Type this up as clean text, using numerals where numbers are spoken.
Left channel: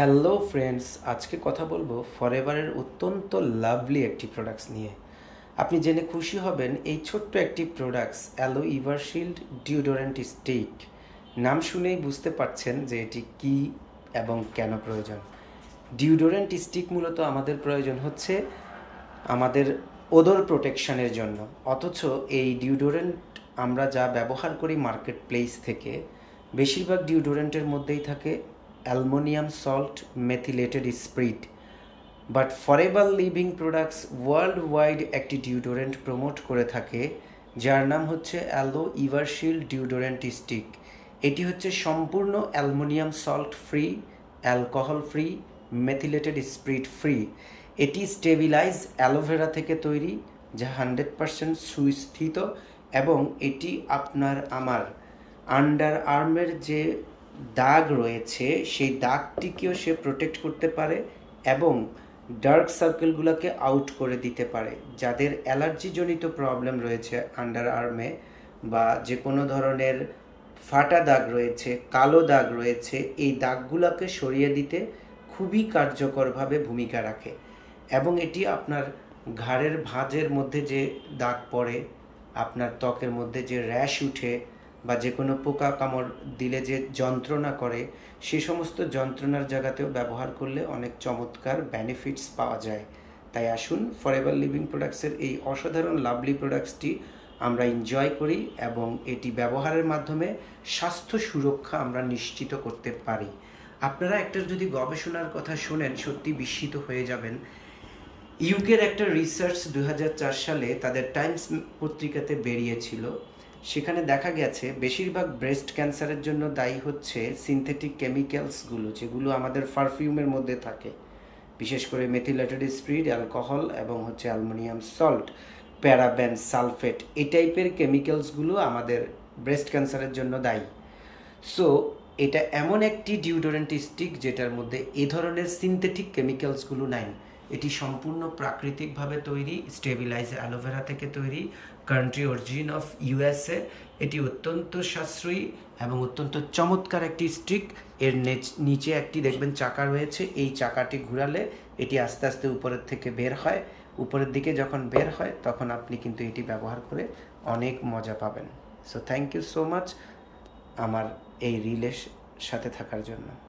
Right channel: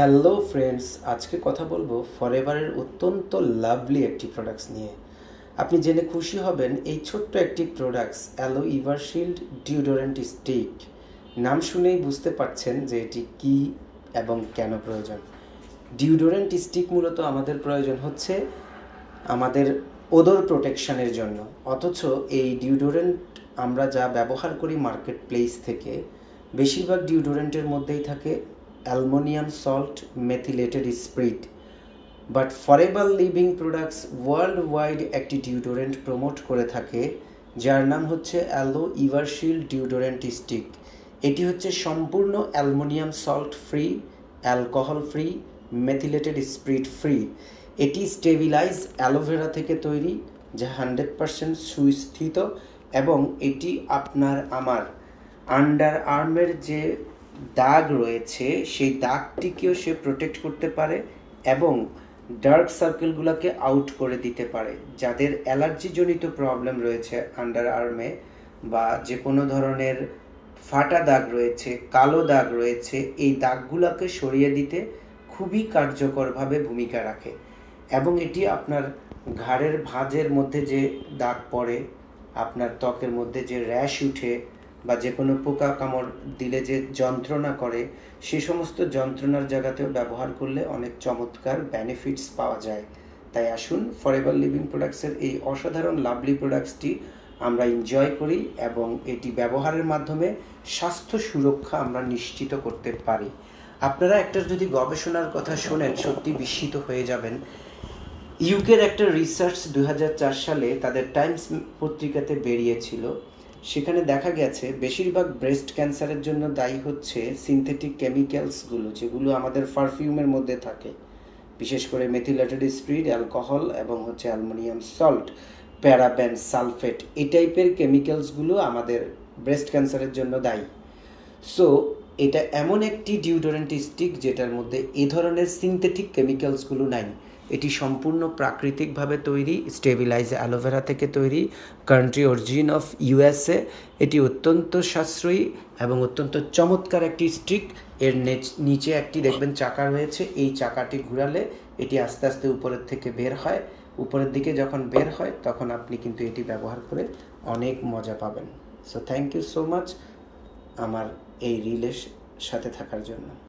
Hello friends, আজকে কথা বলবো ফরএভারের অত্যন্ত লাভলি একটি প্রোডাক্টস নিয়ে। আপনি জেনে খুশি হবেন এই ছোট্ট একটি প্রোডাক্টস অ্যালো ইভারশিল্ড ডিওডোরেন্ট স্টিক। নাম শুনেই বুঝতে পারছেন যে এটি কি এবং কেন প্রয়োজন। ডিওডোরেন্ট স্টিক মূলত আমাদের প্রয়োজন হচ্ছে আমাদের ওডর প্রোটেকশনের জন্য, অথচ এই ডিওডোরেন্ট আমরা যা ব্যবহার করি মার্কেট প্লেস থেকে, বেশিরভাগ ডিওডোরেন্টের মধ্যেই থাকে aluminium salt methylated spirit. But forever living products world wide একটি ডিওডোরেন্ট প্রমোট করে থাকে যার নাম হচ্ছে অ্যালো ইভারশিল্ড ডিওডোরেন্ট স্টিক। এটি হচ্ছে সম্পূর্ণ aluminium salt free, alcohol free, methylated spirit free. এটি স্টেবিলাইজ অ্যালোভেরা থেকে তৈরি, যা 100% সুস্থিত, এবং এটি আপনার আমার আন্ডার আর্মের যে দাগ রয়েছে সেই দাগটিকেও সে প্রোটেক্ট করতে পারে এবং ডার্ক সার্কেলগুলোকে আউট করে দিতে পারে। যাদের অ্যালার্জিজনিত প্রবলেম রয়েছে আন্ডার আর্মে, বা যে কোনো ধরনের ফাটা দাগ রয়েছে, কালো দাগ রয়েছে, এই দাগগুলোকে সরিয়ে দিতে খুবই কার্যকরভাবে ভূমিকা রাখে। এবং এটি আপনার ঘাড়ের ভাঁজের মধ্যে যে দাগ পড়ে, আপনার ত্বকের মধ্যে যে র্যাশ উঠে, বা যে কোনো পোকা কামড় দিলে যে যন্ত্রণা করে, সে সমস্ত যন্ত্রণার জায়গাতেও ব্যবহার করলে অনেক চমৎকার বেনিফিটস পাওয়া যায়। তাই আসুন ফরএভার লিভিং প্রোডাক্টসের এই অসাধারণ লাভলি প্রোডাক্টসটি আমরা এনজয় করি এবং এটি ব্যবহারের মাধ্যমে স্বাস্থ্য সুরক্ষা আমরা নিশ্চিত করতে পারি। আপনারা একটা যদি গবেষণার কথা শোনেন, সত্যি বিস্মিত হয়ে যাবেন। ইউকের একটা রিসার্চ 2004 সালে তাদের টাইমস পত্রিকাতে বেরিয়েছিল। সেখানে দেখা গেছে বেশিরভাগ ব্রেস্ট ক্যান্সারের জন্য দায়ী হচ্ছে সিনথেটিক কেমিক্যালসগুলো, যেগুলো আমাদের পারফিউমের মধ্যে থাকে, বিশেষ করে মেথিলেটেড স্পিরিট, অ্যালকোহল এবং হচ্ছে অ্যালুমিনিয়াম সল্ট, প্যারাবেন, সালফেট, এই টাইপের কেমিক্যালসগুলো আমাদের ব্রেস্ট ক্যান্সারের জন্য দায়ী। সো এটা এমন একটি ডিওডোরেন্ট স্টিক যেটার মধ্যে এ ধরনের সিনথেটিক কেমিক্যালসগুলো নাই। এটি সম্পূর্ণ প্রাকৃতিকভাবে তৈরি, স্টেবিলাইজ অ্যালোভেরা থেকে তৈরি, কান্ট্রি অরিজিন অফ ইউএসএ। এটি অত্যন্ত সাশ্রয়ী এবং অত্যন্ত চমৎকার একটি স্টিক। এর নিচে একটি দেখবেন চাকা রয়েছে, এই চাকাটি ঘুরালে এটি আস্তে আস্তে উপরের থেকে বের হয়। উপরের দিকে যখন বের হয় তখন আপনি কিন্তু এটি ব্যবহার করে অনেক মজা পাবেন। So thank you so much আমার এই রিলের সাথে থাকার জন্য।